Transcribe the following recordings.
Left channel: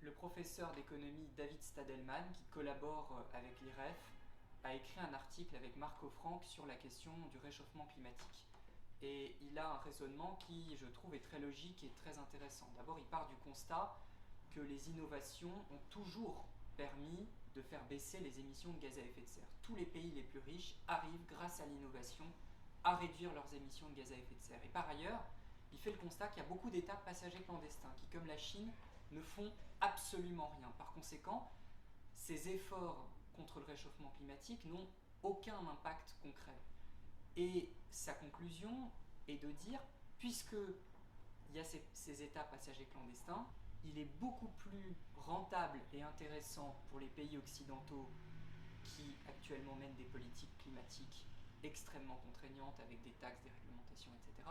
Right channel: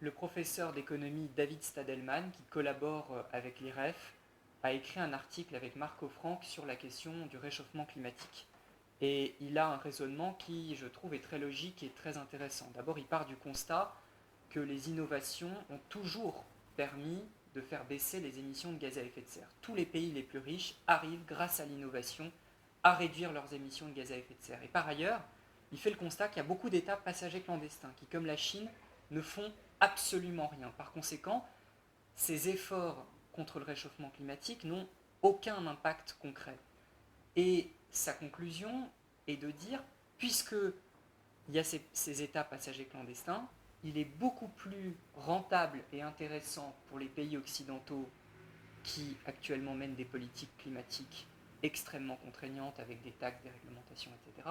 le professeur d'économie David Stadelman, qui collabore avec l'IREF, a écrit un article avec Marco Frank sur la question du réchauffement climatique. Et il a un raisonnement qui, je trouve, est très logique et très intéressant. D'abord, il part du constat que les innovations ont toujours permis de faire baisser les émissions de gaz à effet de serre. Tous les pays les plus riches arrivent, grâce à l'innovation, à réduire leurs émissions de gaz à effet de serre. Et par ailleurs, il fait le constat qu'il y a beaucoup d'États passagers clandestins qui, comme la Chine, ne font absolument rien. Par conséquent, ces efforts contre le réchauffement climatique n'ont aucun impact concret. Et sa conclusion est de dire, puisque il y a ces États passagers clandestins, il est beaucoup plus rentable et intéressant pour les pays occidentaux qui actuellement mènent des politiques climatiques extrêmement contraignantes avec des taxes, des réglementations, etc.,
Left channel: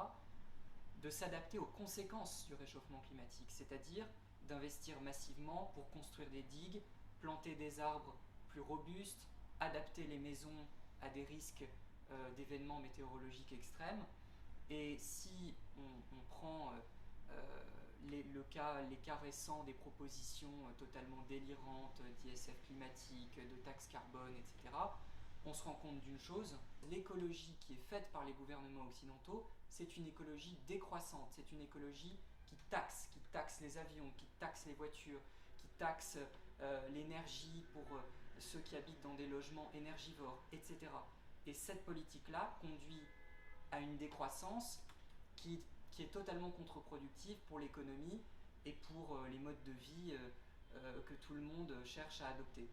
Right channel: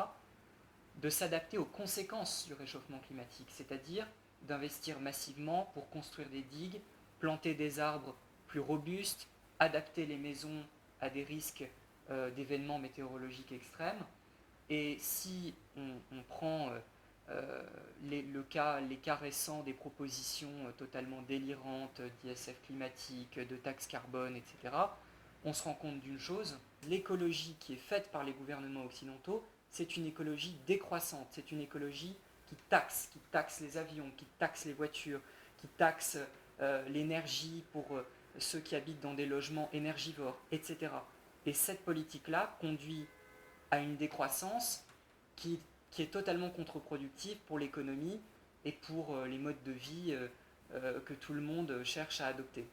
de s'adapter aux conséquences du réchauffement climatique, c'est-à-dire d'investir massivement pour construire des digues, planter des arbres plus robustes, adapter les maisons à des risques d'événements météorologiques extrêmes. Et si on prend les cas récents des propositions totalement délirantes d'ISF climatique, de taxes carbone, etc., on se rend compte d'une chose, l'écologie qui est faite par les gouvernements occidentaux, c'est une écologie décroissante, c'est une écologie qui taxe les avions, qui taxe les voitures, qui taxe l'énergie pour ceux qui habitent dans des logements énergivores, etc. Et cette politique-là conduit à une décroissance qui, qui est totalement contre-productive pour l'économie et pour les modes de vie que tout le monde cherche à adopter.